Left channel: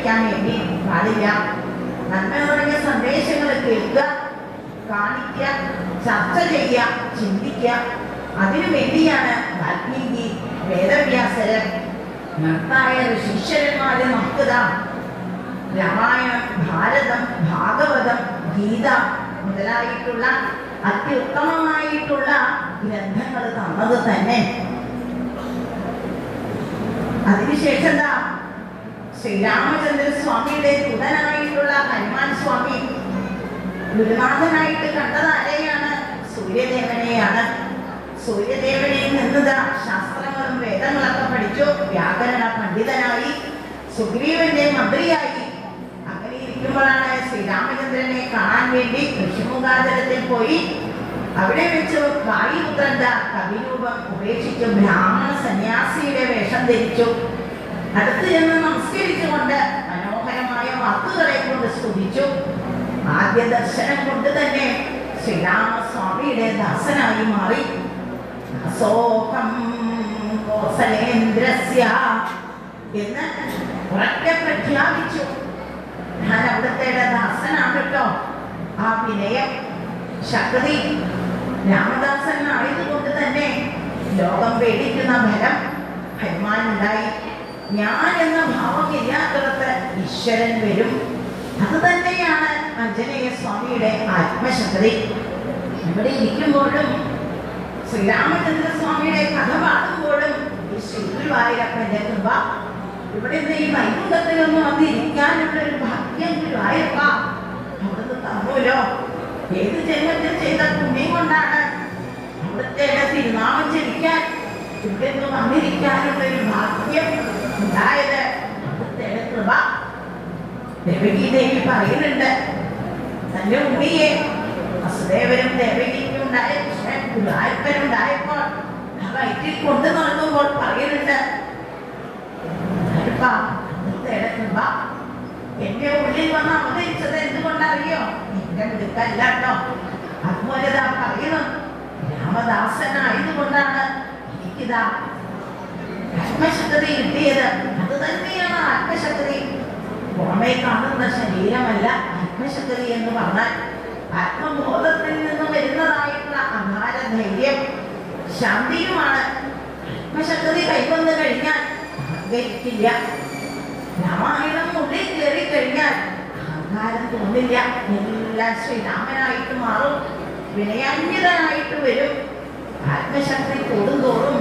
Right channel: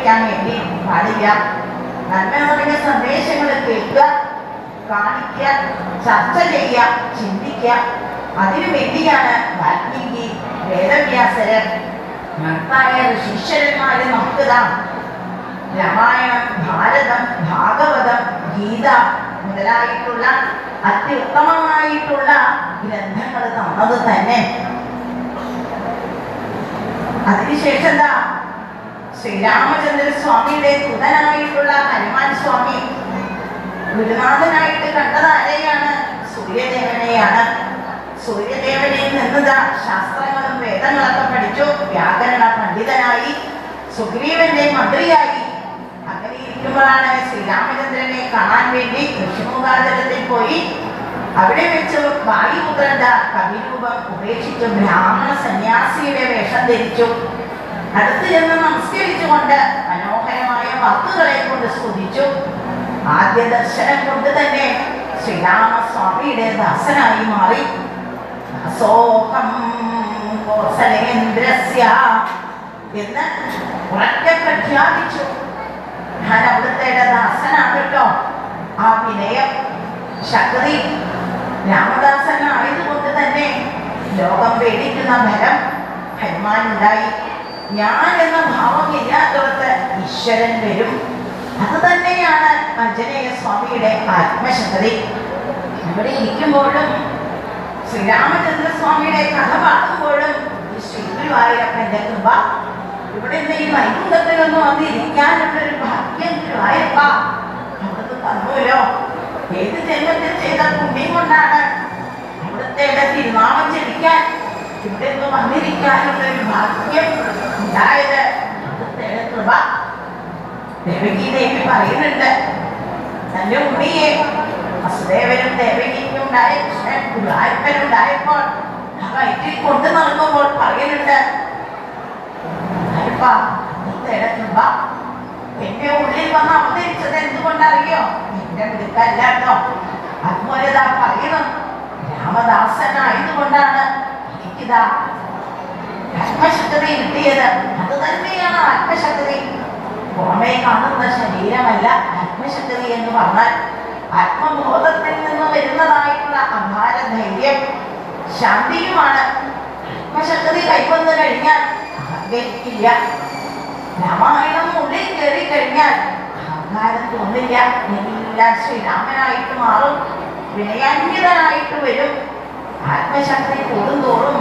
തെറ്റിദ്ധരിപ്പിക്കാൻ വേണ്ടി പാടില്ല. നന്മ നിറഞ്ഞ സന്ദേശങ്ങൾ കേൾക്കുക, കാണിക്കുക, ചർച്ച ചെയ്യുക, ചിന്തിക്കുക. അതിനു വേണ്ടിയാണ് വാൽമീകി, വേദവ്യാസര്, മഹത്തായ ശിഷ്യന്മാര് നമുക്കിതാ രാമായണം, ഭാരതം, ഭാഗവതം, ഗീത മുതലായിട്ടുള്ള അത്യുത്തമമായിട്ടുള്ള ഗ്രന്ഥങ്ങൾ തന്നത് തന്നെ. അതിനുശേഷം എന്താ, ശ്രീരാമചന്ദ്ര സ്വാമിയുടെ പുതനായിട്ടുള്ള ഹനുമാൻ സ്വാമി ഗുരുനാഥനായിട്ട് കണ്ടത് ആരെയാണ്? സൂര്യദേവനെയാണ്. സൂര്യദേവനിൽ നിന്നതാ ശാസ്ത്രങ്ങളും വേദങ്ങളൊക്കെ പഠിച്ചു, വ്യാകരണ പണ്ഡിതനായി, സുഗ്രീവന്റെ മന്ത്രിയായി. അങ്ങനെ ഇരിക്കുമ്പോഴാണ് ശ്രീരാമചന്ദ്രനെ കാണാൻ വേണ്ടി ഋഷിമുഖാചരത്തിൽ പോയി. അവിടെ വെച്ച് വായുപുത്രന്റെ കവിരൂപം ഉപേക്ഷിച്ചു ബ്രാഹ്മണ സന്യാസിയുടെ വേഷം ധരിച്ചു. അടുത്ത് ചെന്ന് നമസ്കരിച്ചുകൊണ്ട് മനോഹരമായ വാക്കുകളെ കൊണ്ട് സ്തുതിച്ചു. ആദ്യ ദർശനം കൊണ്ട് തന്നെ ശ്രീരാമസ്വാമിയുടെ ദാസനായി മാറി. അസോഹം കോസലേന്ദ്രസ്യ എന്ന് ഉറക്കെ പ്രഖ്യാപിച്ചു. ഞാൻ അവിടുത്തെ ദാസനാകട്ടോ. ആ വിനയം, ശക്തി രാമദാസനായതുകൊണ്ട് തന്നെ ലോകം പേടിക്കുന്ന ഫലം ഹനുമാനുണ്ടായി. ഞാൻ എന്ന ഭാവം ഇല്ലാത്തവർക്ക് ഈശ്വരൻ വരും. അത് തന്നെയാണ് ആഞ്ജനേയ സ്വാമിയുടെ ആത്മശക്തി. ഇവിടെ ഇരിക്കുമ്പോഴും ശ്രീരാമചന്ദ്ര സ്വാമിയുടെ കഥ പാടുമ്പോഴും ഈ ശ്രീഗുരുവായൂരപ്പന്റെ കൃപ, ഇവിടെ ഈ വൈകുണ്ഠത്തിലൊന്നും വന്നിരിക്കാനുള്ളൊരു ഭാഗ്യം ഗുരുവായൂരപ്പ അവിടുന്ന് തന്നൂലോ. ഏത് ജന്മത്തിൽ ചെയ്ത പുണ്യം കൊണ്ടാണ് അവിടുത്തെ തിരുനാമം ജപിക്കാൻ, ഇവിടെ നിന്ന് വന്നിരിക്കാനുള്ളൊരു ഭാഗ്യം ഉണ്ടായത്. അവിടുത്തെ കൃപ. ദേവകി ദേവി പറയുന്നുണ്ട്, തന്റെ ഉണ്ണിയെ വസുദേവനും ദേവകിക്കും ഉണ്ടായ കൃഷ്ണൻ ഗുരുവായൂരപ്പനുണ്ടായപ്പോൾ ആ വയറ്റിൽ കൊണ്ടു നടക്കുമ്പോൾ പറയുന്നുണ്ട്, കൃപ എന്റെ ഉള്ളിൽ വന്ന് അവതരിച്ചത് എന്തുകൊണ്ടറിയോ? എന്റെ മിടുക്കല്ലോ. അതുപോലെ ഇതാ പറയുന്നു, രാമദാസനായതുകൊണ്ടാണ് എനിക്കിതാ ആത്മശക്തി കിട്ടിയത്. അത് തന്നെയാണ് ആത്മശക്തി. പുറമേ കാണുന്ന ശരീരമല്ല ആത്മശക്തി എന്ന് പറഞ്ഞാൽ. ആത്മബോധത്തിൽ നിന്ന് വരുന്നതായിട്ടുള്ള അപാര ധൈര്യം, ശാന്തിയുമാണ്. ആത്മശക്തി കൈവന്നു കഴിഞ്ഞാൽ അഹങ്കരിക്കില്ല. രാമായണം ഉള്ളിൽ കയറി കഴിഞ്ഞാൽ അഹങ്കാരം തോന്നില്ല. എല്ലാം ശ്രീരാമനായിട്ട് മാറും, വിനയാന്വിതനായിട്ട് വരും. ആത്മശക്തി കൂടുന്തോറും